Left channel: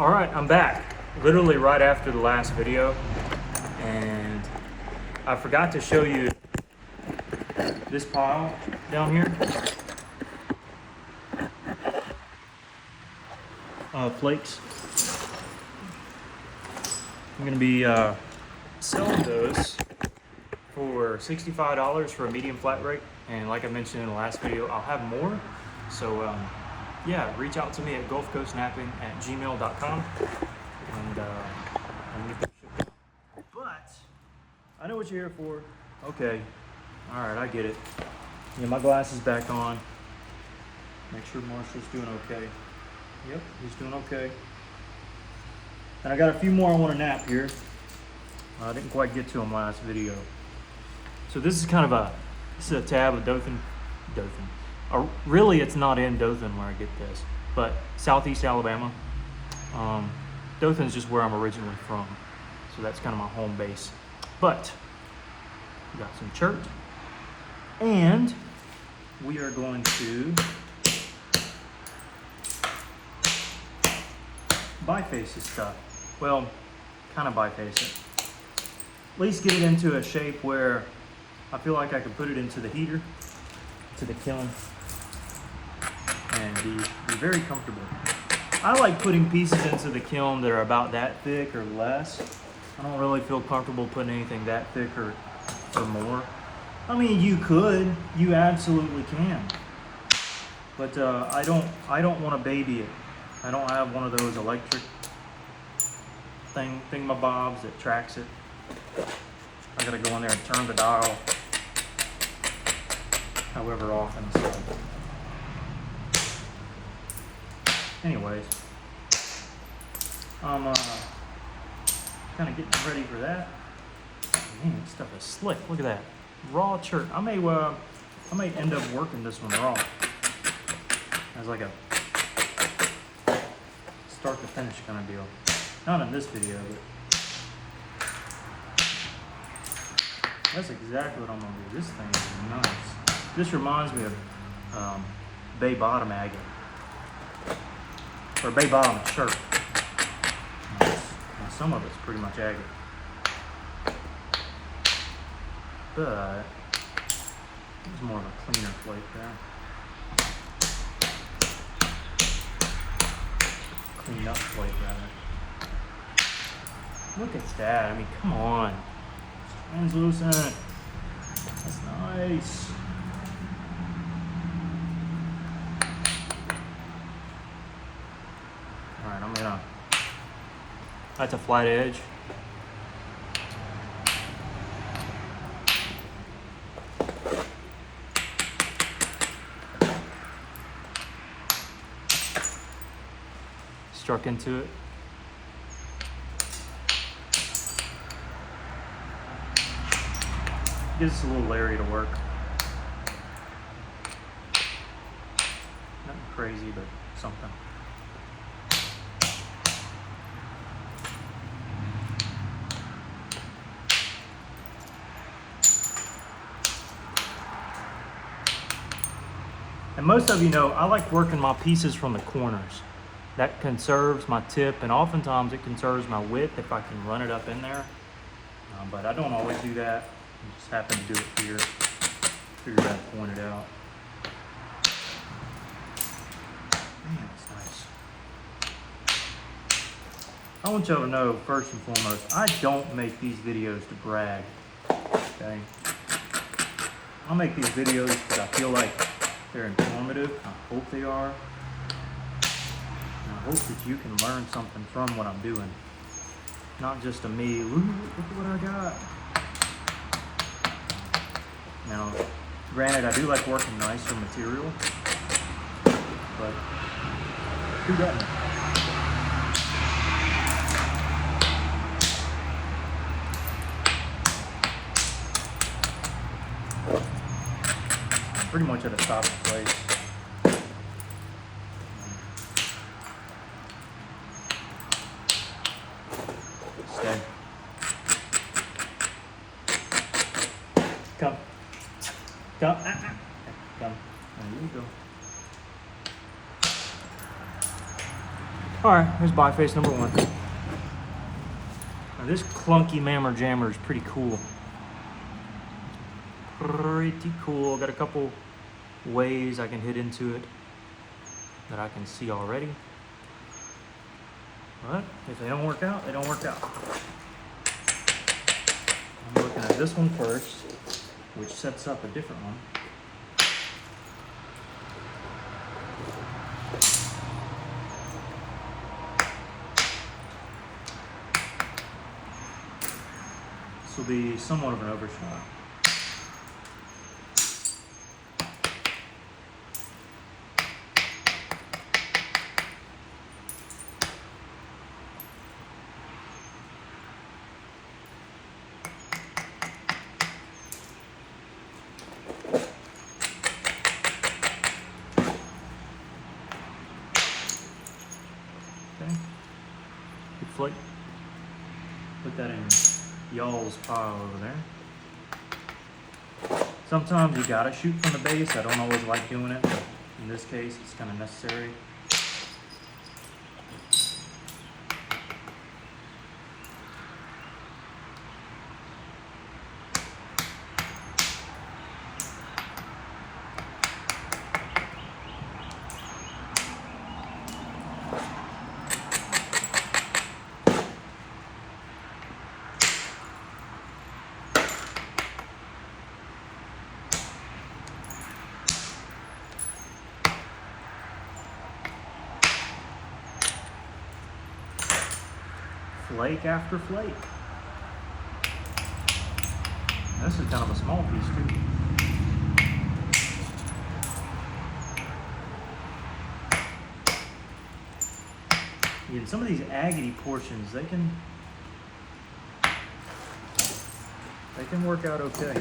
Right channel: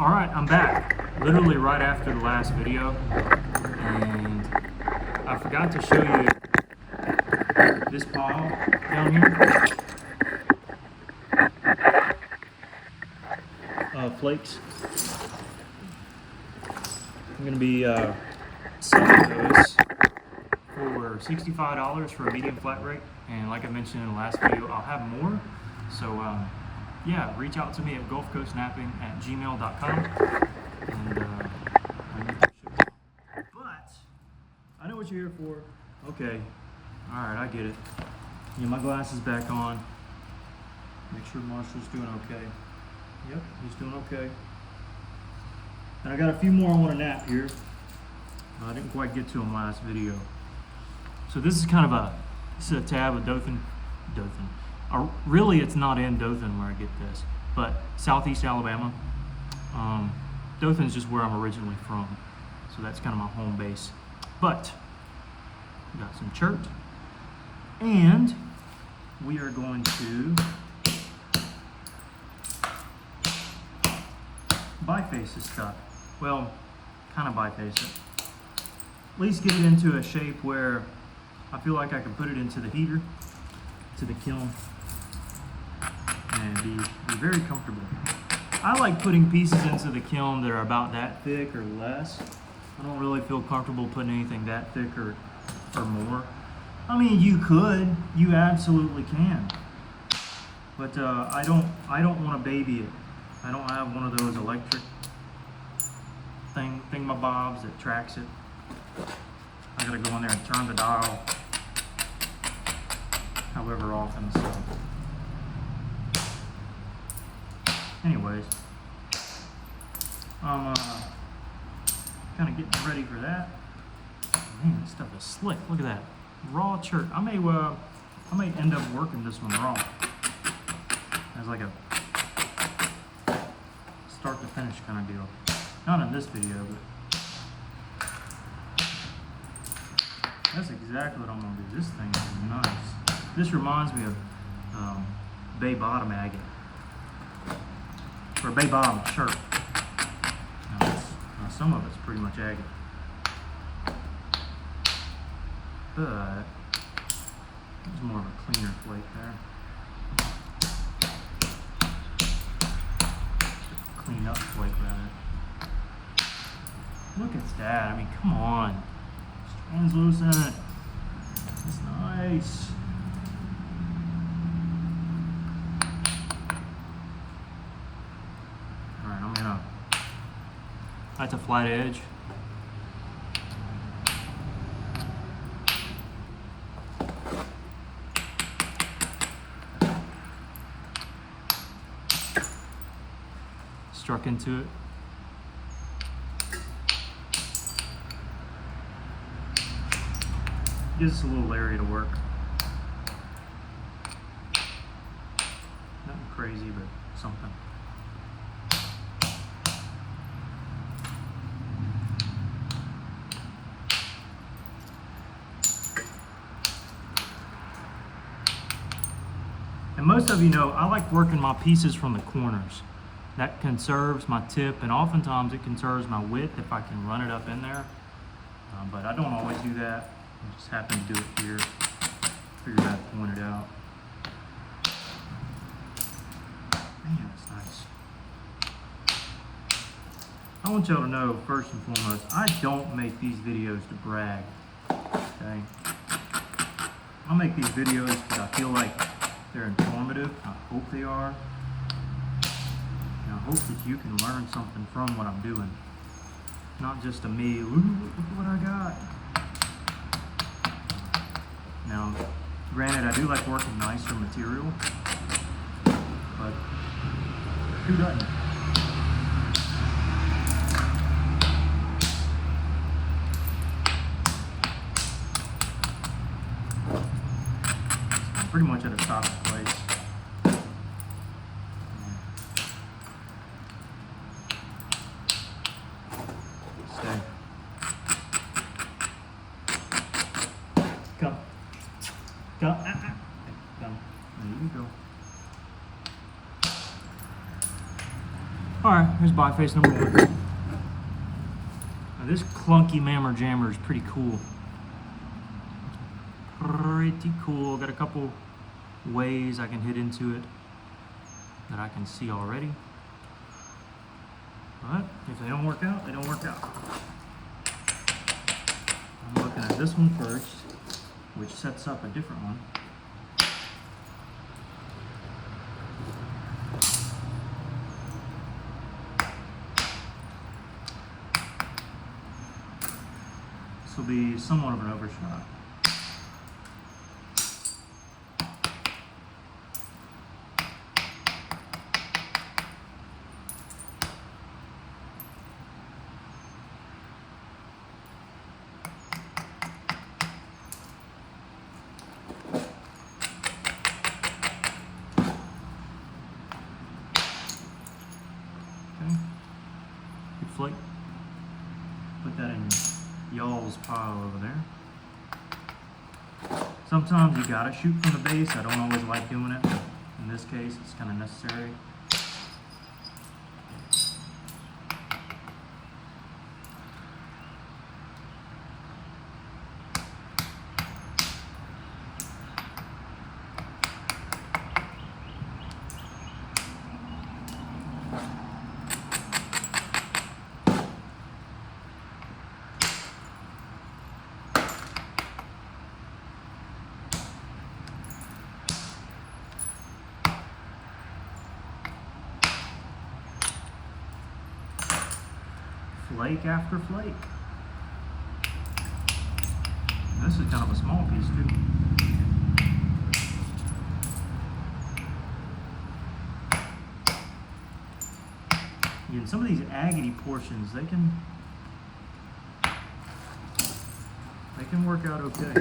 All right, I'm back. Literally right after the last video, and I forgot to show you this pile down here of flakes. I'm gonna be selling those for $65 for a medium flat rate, and like I mentioned in the last video, I'll have more. So yeah, reach out to me at gulfcoastknapping@gmail.com, and I'll make that ship. But I know what you're here for. Okay, all right, I get it. Yeah, my glasses back on. Make sure Marshall's doing okay. Yep, he's doing okay. And I got a few more I want to nap here. I didn't quite get to them last video. So this is kind of a tab of Dothan. Really, it's not in Dothan where I get this, but Southeast Alabama. Dothan's just where I'm originally from, so that's kind of my home base. But we got some chert, and we are going to biface this stuff. Well, kind of biface it. At least get it into a shape where I feel like I can put it into the heater, to the kiln, and be very comfortable. I like putting pieces into the kiln that are about that thick or less. I don't really feel comfortable putting anything that thick or more. I mean, you could, you absolutely can, but I don't want to baby it. I don't have one of those electric thingamabobs that tracks it. I gotta go in there and turn the dial however often. So, anyways, I'm kind of getting ready for that. Man, this stuff is slick. Look at that raw chert. I may end up working this one raw as like a start to finish kind of deal. Not in this video, but that's exactly what I'm gonna do. This thing is nice. This reminds me of Bay Bottom agate, or Bay Bottom chert. Now, some of it's pretty much agate, but it's more of a cleaner flake there. Clean up flake rather. Look at that. I mean, come on. Translucent. That's nice. Alright, I'm gonna. That's a flat edge. Struck into it. Gives us a little area to work. Nothing crazy, but something. And most of you know, I like working my pieces from the corners. That conserves my tip, and oftentimes it conserves my width if I can run it up in there. But I don't always do that. I just happen to do it here. Figured I'd point it out. Man, it's nice. I want y'all to know, first and foremost, I don't make these videos to brag, okay? I make these videos because I feel like they're informative. I hope they are. And I hope that you can learn something from what I'm doing. Not just a me, look at what I got. Now, granted, I do like working nicer material, but who doesn't? I'm pretty much at a stopping place. Stay. Come. Come. Come. There you go. All right, here's biface number 1. Now this clunky mammer jammer is pretty cool. Pretty cool. Got a couple ways I can hit into it that I can see already. But if they don't work out, they don't work out. I'm looking at this one first, which sets up a different one. This will be somewhat of an overshot. Okay, good flake. Put that in y'all's pile over there. Sometimes you gotta shoot from the base. I don't always like doing it, but in this case it's kind of necessary. Flake after flake. This is kind of a small piece too. In some of these agate portions, they can work out okay.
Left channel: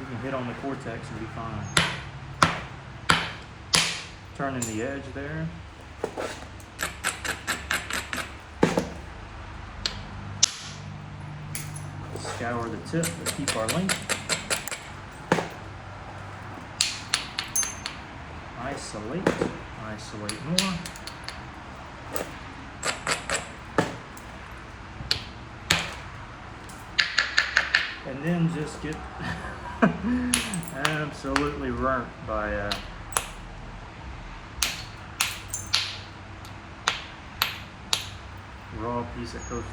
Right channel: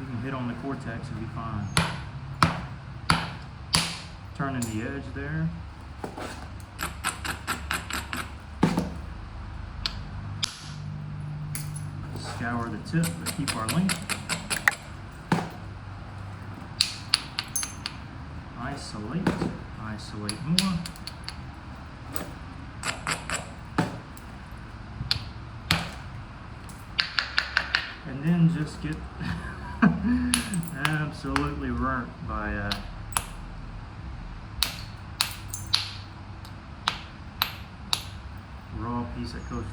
You can hit on the cortex and be fine. Turning the edge there. Scour the tip, but keep our length. Isolate, isolate more. And then just get absolutely burnt by raw piece of coastal.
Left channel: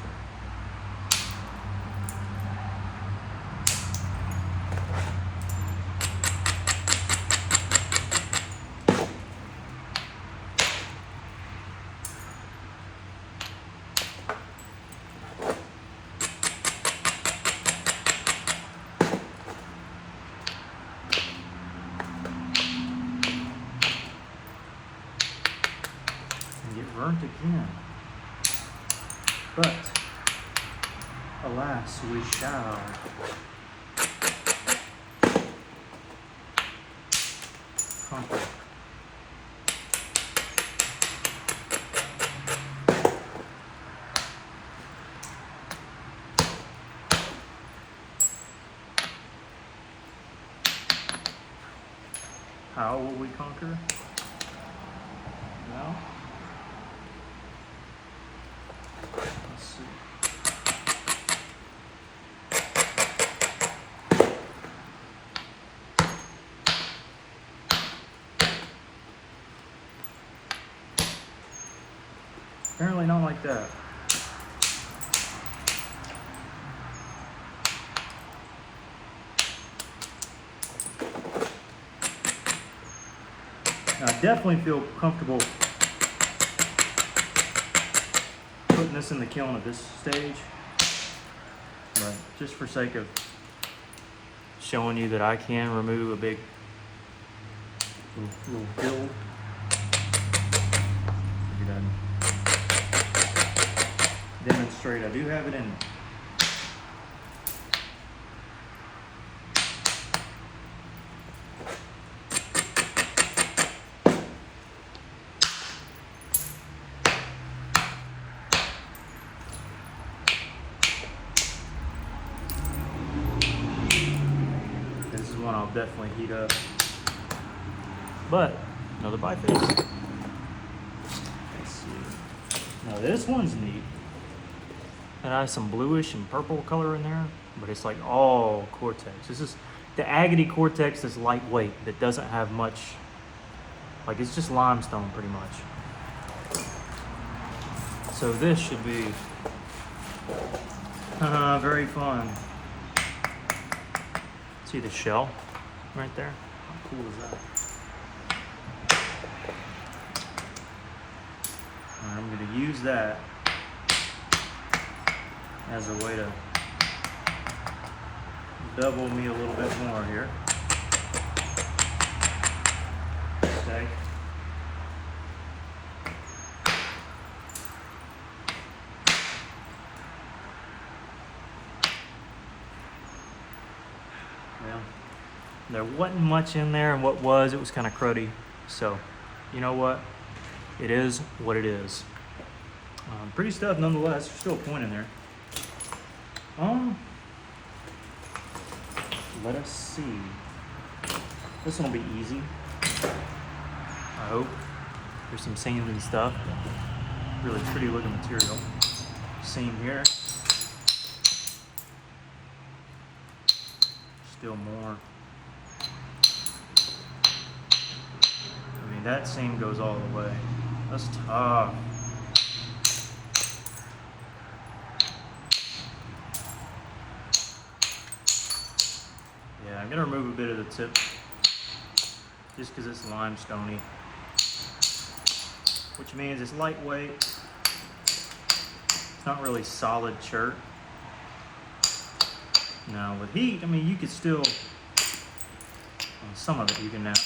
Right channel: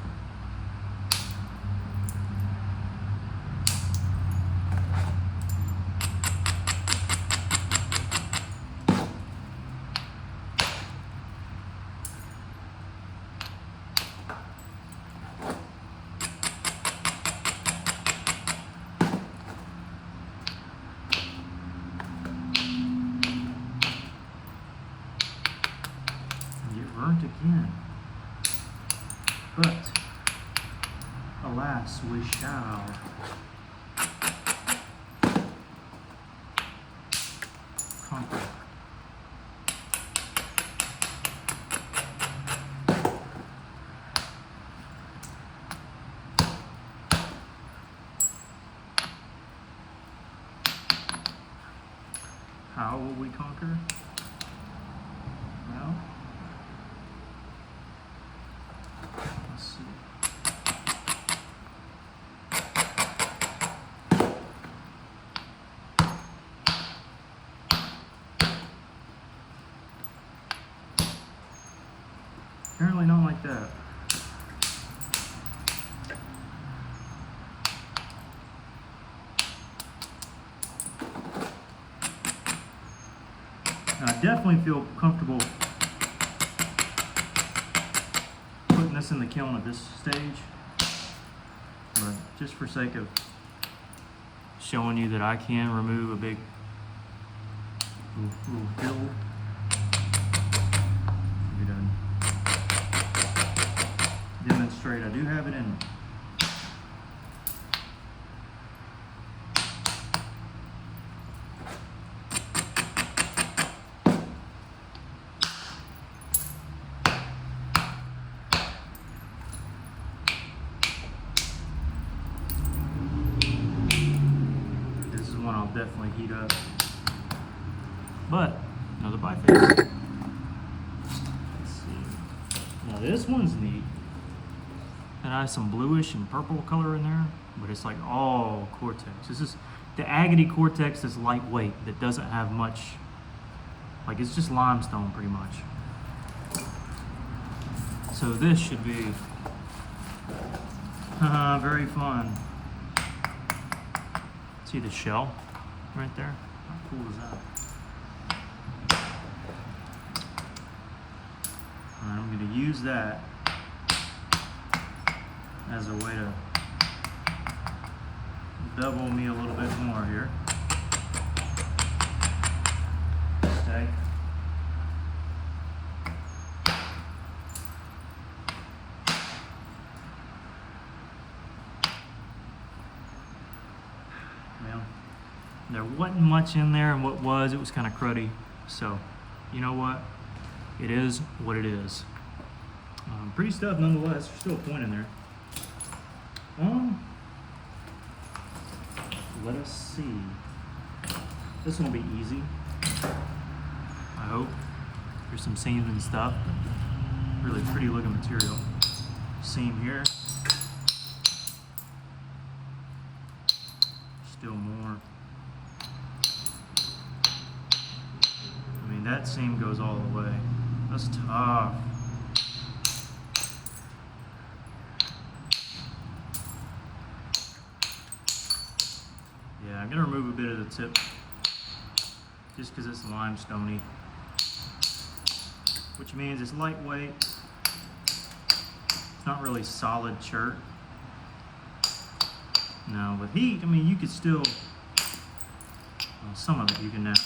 Burnt again, but alas, we shall. Conquer. How will we conquer? Well, let's see. Apparently not like that. Now, I definitely feel comfortable putting this in the kiln at this stage, but just for sake of showing you that I can remove a big little build, figured I'd demonstrate I do have it in. This is one I'll definitely heat up, but another biface. Now this one's neat. It has some bluish and purple color in there, but it's like all Cortex. This is the Agate Cortex that's lightweight, that doesn't have much, like it's just limestone pretty much. So this should be very fun. See the shell right there? How cool is that? Alright, I'm going to use that as a way to bevel me a little bit more here. Okay. Well, there wasn't much in there, and what was, it was kind of cruddy. So, you know what? It is what it is. Pretty stuff nonetheless. Still a point in there. Let us see. This one will be easy, I hope. There's some seams and stuff. Really pretty looking material. Seam here. Still more. I mean, that seam goes all the way. That's tough. Yeah, I'm gonna remove a bit of the tip just because it's limestoney, which means it's lightweight. It's not really solid chert. Now with heat, I mean, you could still, well, some of it you can nap.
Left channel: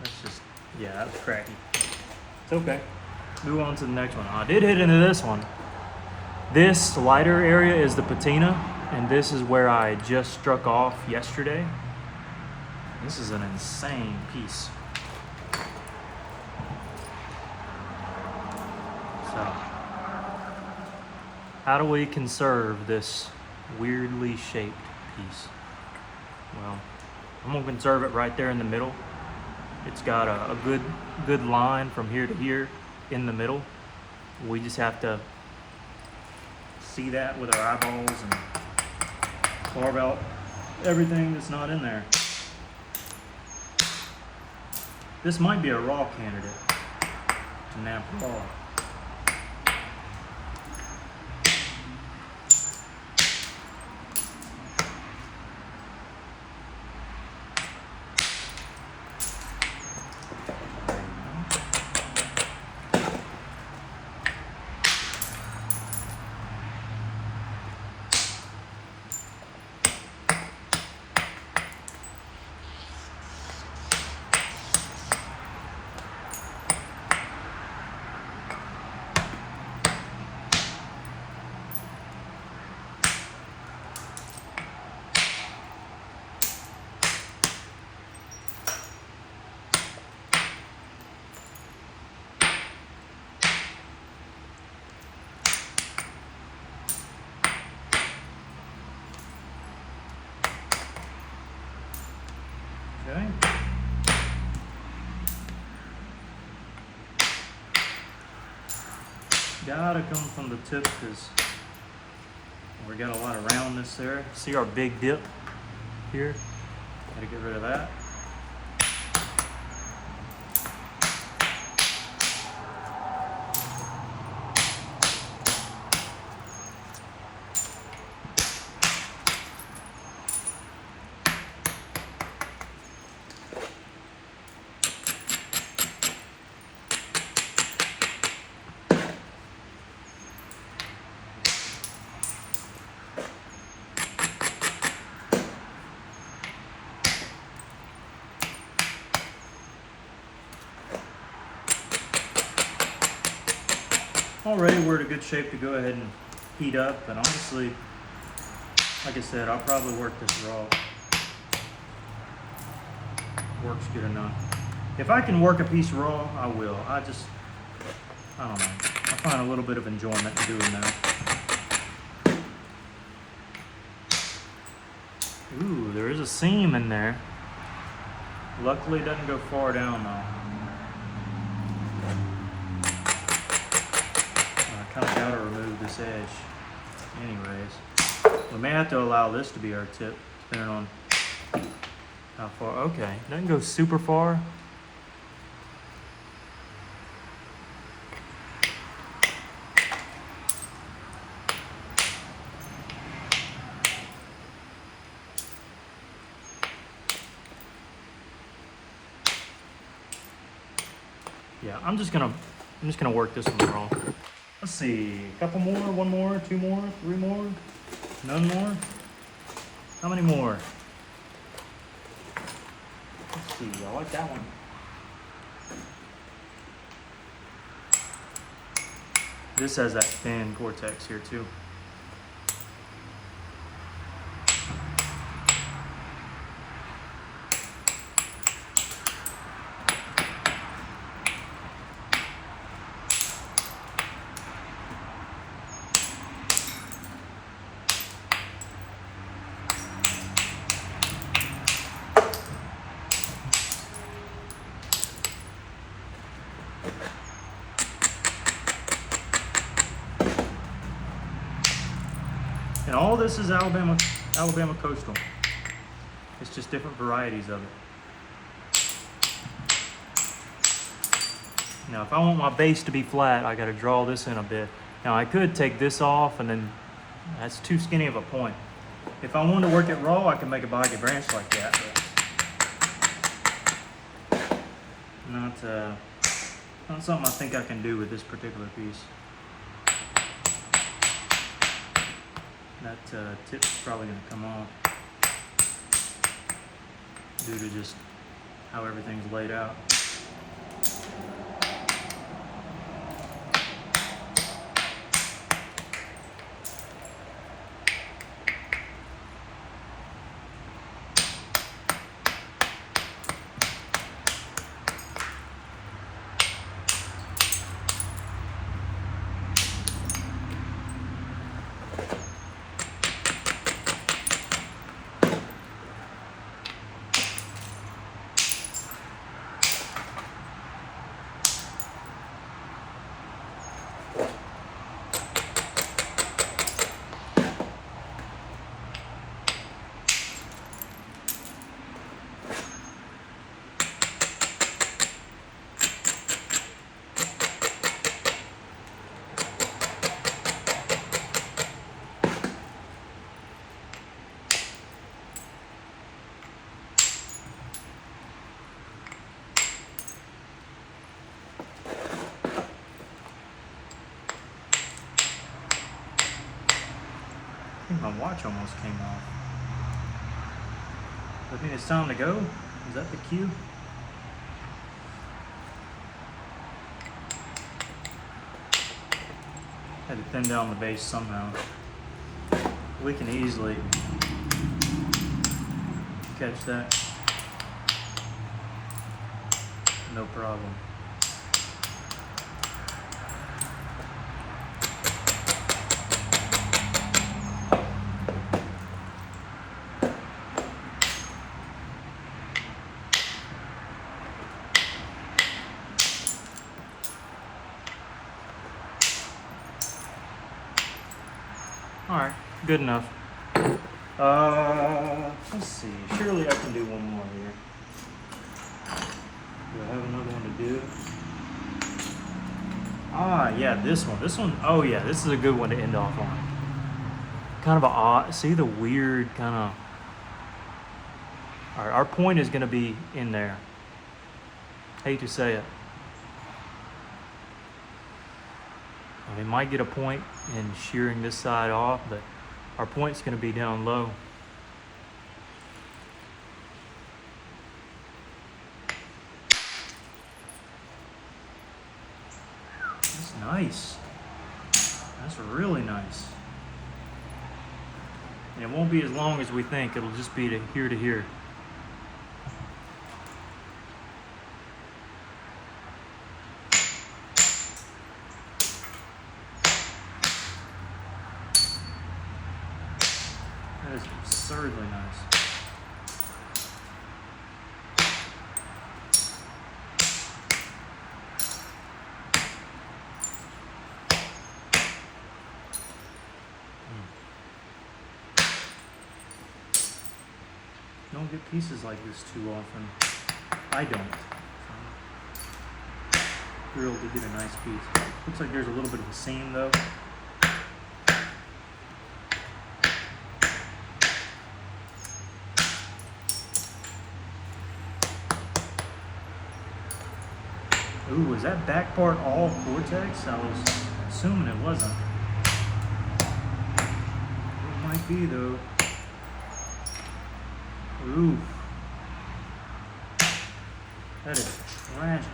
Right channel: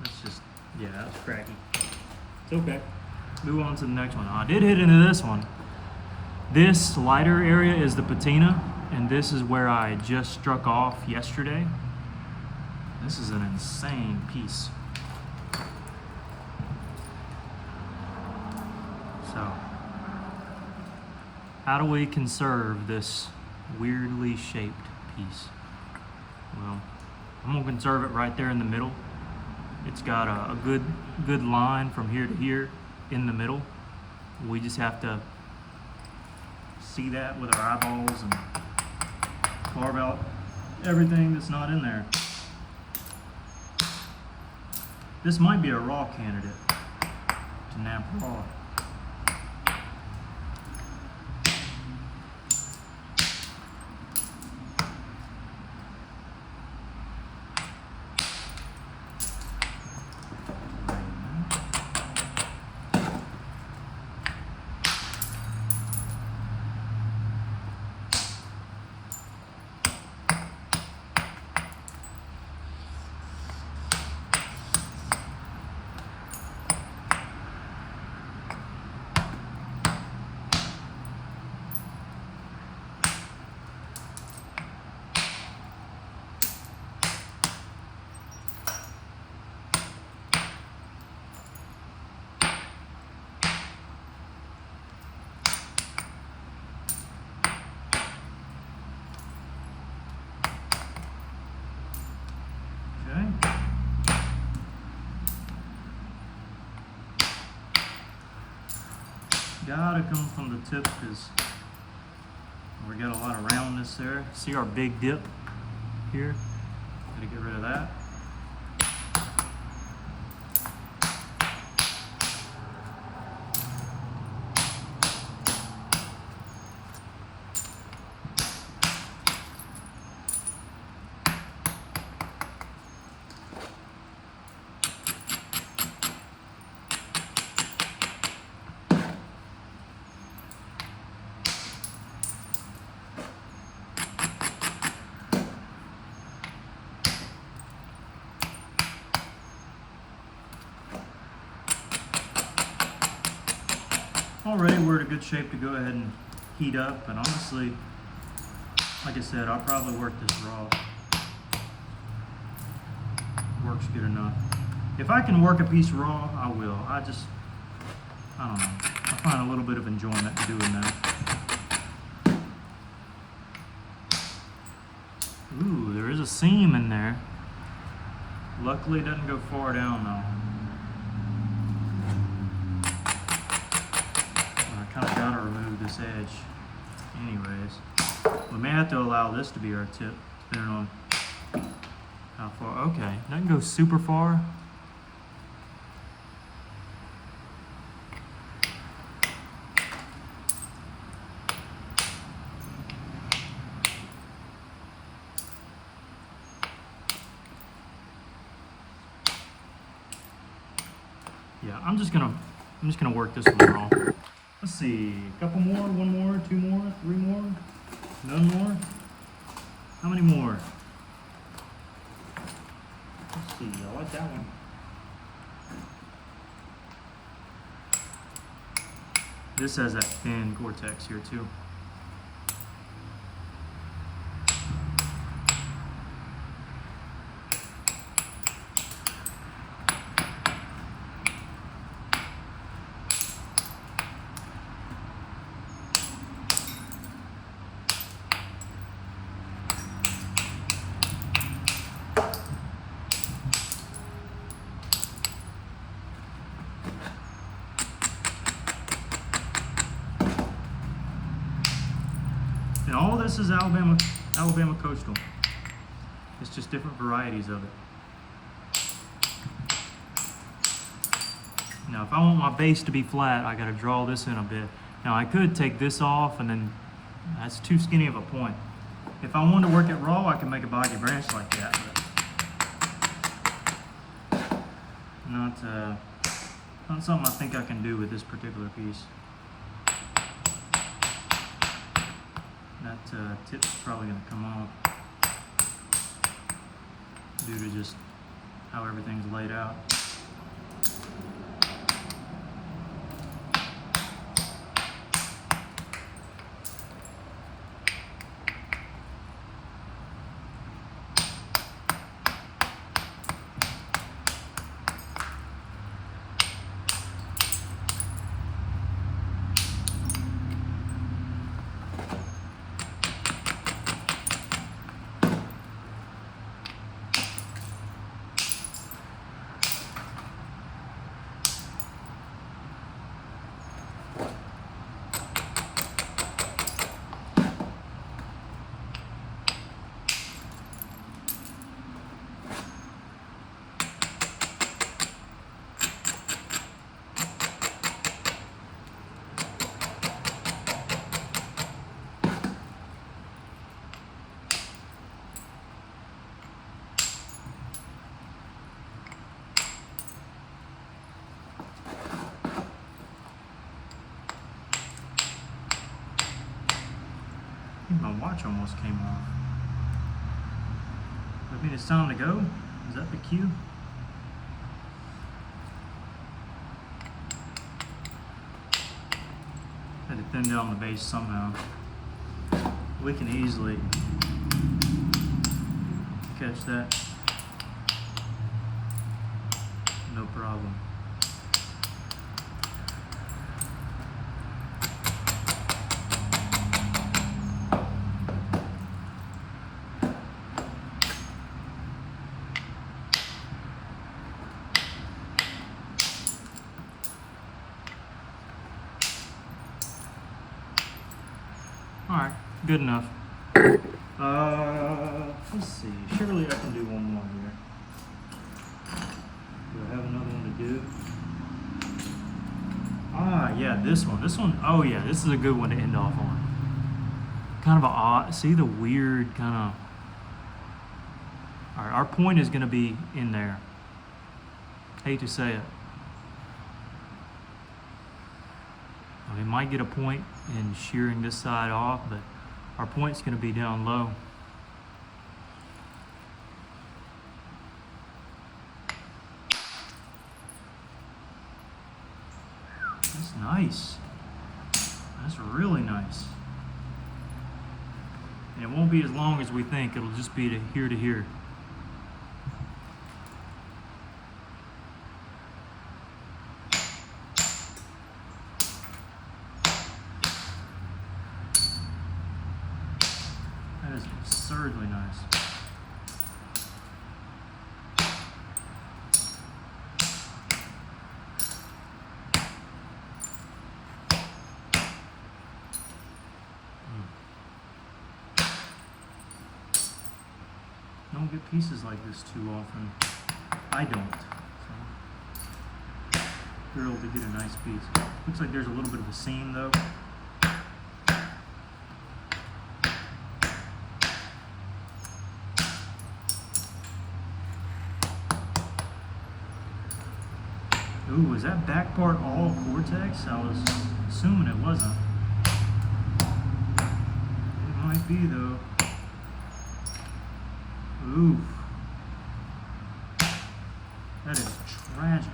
That's just, yeah, that's cracky. It's okay. Move on to the next one. I did hit into this one. This lighter area is the patina, and this is where I just struck off yesterday. This is an insane piece. So, how do we conserve this weirdly shaped piece? Well, I'm gonna conserve it right there in the middle. It's got a good line from here to here in the middle. We just have to see that with our eyeballs and carve out everything that's not in there. This might be a raw candidate to nap raw. Okay. Gotta come from the tip because we got a lot of roundness there. See our big dip here? Gotta get rid of that. Already we're in a good shape to go ahead and heat up, and honestly, like I said, I'll probably work this raw. Works good enough. If I can work a piece raw, I will. I don't know. I find a little bit of enjoyment in doing that. Ooh, there is a seam in there. Luckily it doesn't go far down though. this edge anyways. We may have to allow this to be our tip, depending on how far. Okay, doesn't go super far. Yeah, I'm just gonna work this one wrong. Let's see, a couple more, one more, two more, three more, none more. How many more? Let's see, I like that one. This has that thin cortex here too. And all this is Alabama coastal. It's just different varieties of it. Now, if I want my base to be flat, I got to draw this in a bit. Now, I could take this off, and then that's too skinny of a point. If I wanted to work it raw, I can make a boggy branch like that, but not something I think I can do with this particular piece. That tip's probably going to come off due to just how everything's laid out. I think my watch almost came off. I think it's time to go. Is that the cue? Had to thin down the base somehow. We can easily catch that. No problem. All right, good enough. Let's see. Surely I can do one more here. Do I have another one to do? Ah, yeah, this one. This one, oh yeah, this is a good one to end off on. Kind of a odd, see the weird kind of, all right, our point is gonna be in there. Hate to say it. We might get a point in shearing this side off, but our point's going to be down low. That's nice. That's really nice. And it won't be as long as we think. It'll just be to here to here. That is absurdly nice. don't get pieces like this too often. I don't. So, thrilled to get a nice piece. Looks like there's a little bit of a seam though. Ooh, is that back part all Cortex? I was assuming it wasn't. It might be though. Ooh. That is tragic.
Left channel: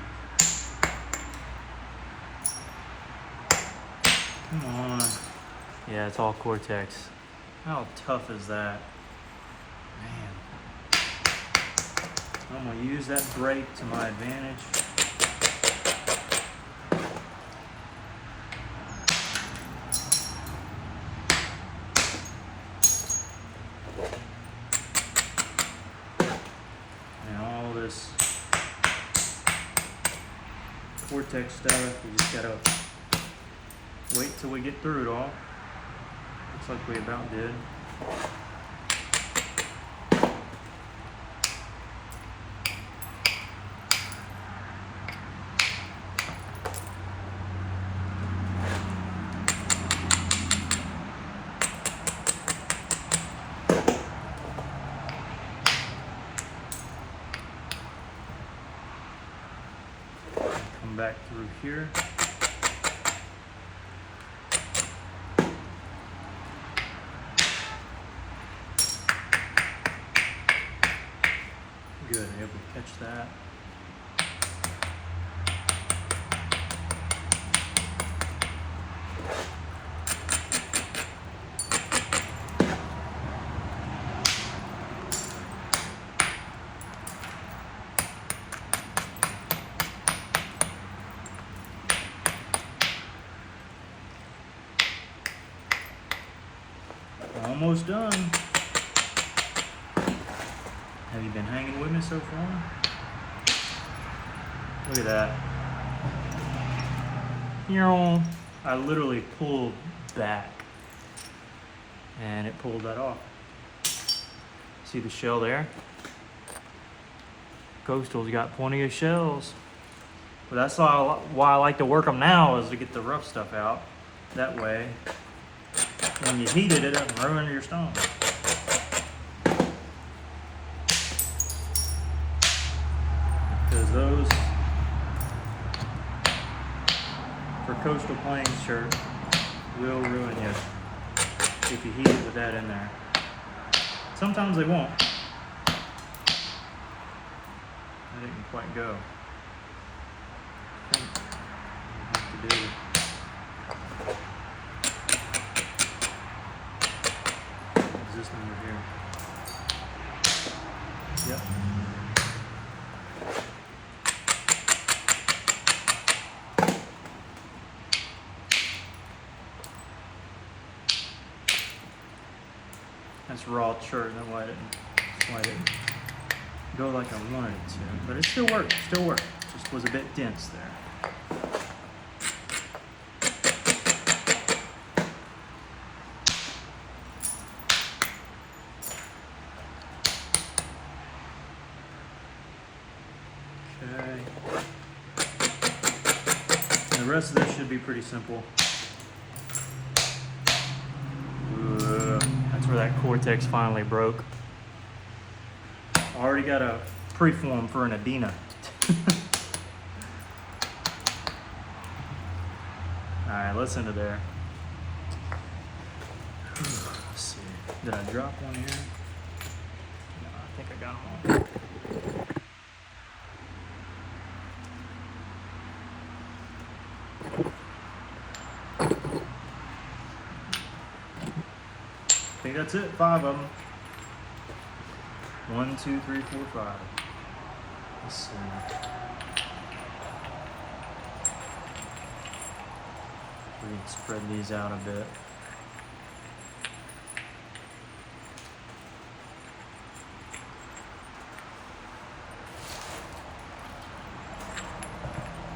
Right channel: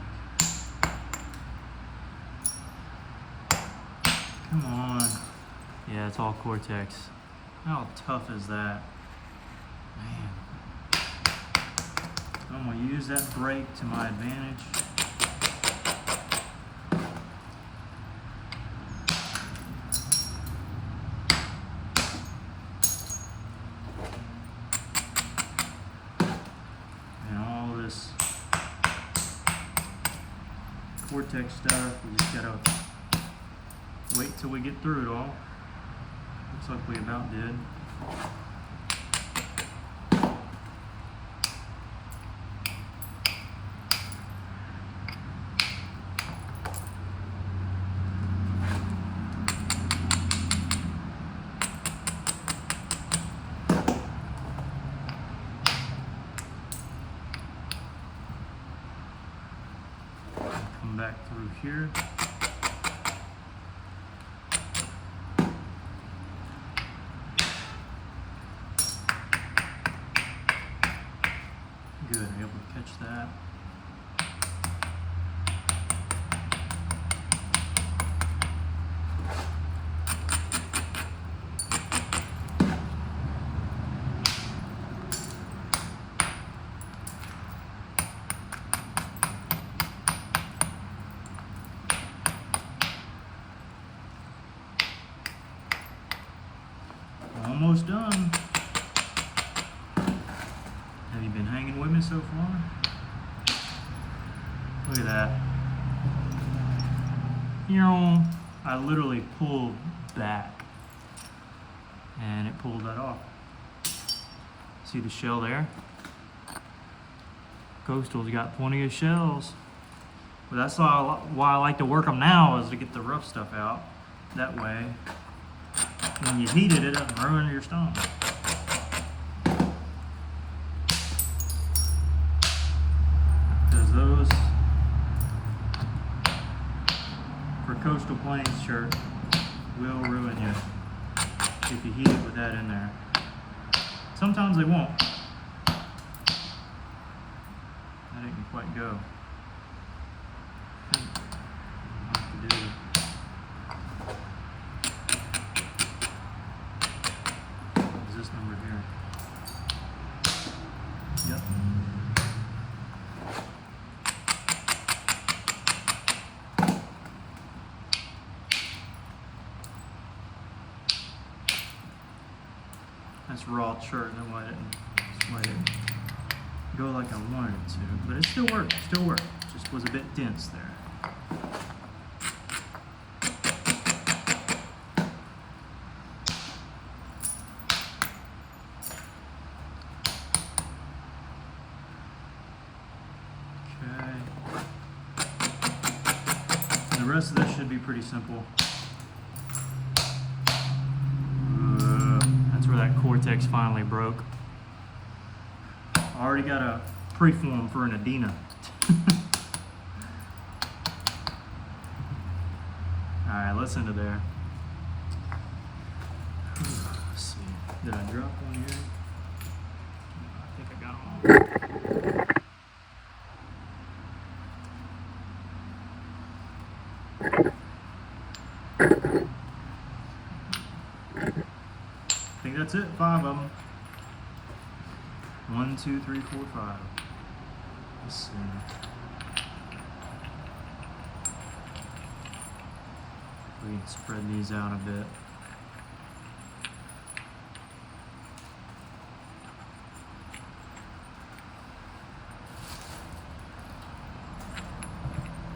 Come on. Yeah, it's all Cortex. How tough is that? Man. I'm gonna use that brake to my advantage. Cortex stuff, we just gotta wait till we get through it all. Looks like we about did. Back through here. Good, I'm able to catch that. Almost done. Have you been hanging with me so far? Look at that. I literally pulled back and it pulled that off. See the shell there? Coastal's got plenty of shells. But that's why I like to work them now, is to get the rough stuff out. That way, when you heat it, it doesn't ruin your stone. Because those, for Coastal Plains shirt, will ruin you if you heat it with that in there. Sometimes they won't. That didn't quite go. I think I'll have to do it. This number here. Yep. That's raw shirt. That's why it didn't go like I wanted it to. But it still worked. Still worked. Just was a bit dense there. The rest of this should be pretty simple. That's where that Cortex finally broke. I already got a preform for an Adina. Alright, let's into there. Let's see. Did I drop one here? No, I think I got them all. I think that's it, 5 of them. 1, 2, 3, 4, 5. Let's see. We can spread these out a bit.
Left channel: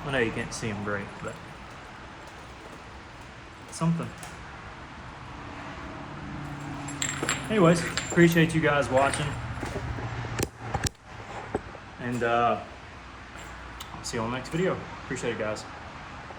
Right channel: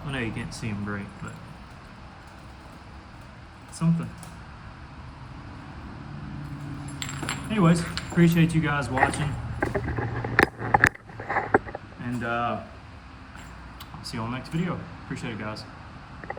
I know you can't see them great, but something. Anyways, appreciate you guys watching. And I'll see you on the next video. Appreciate it, guys.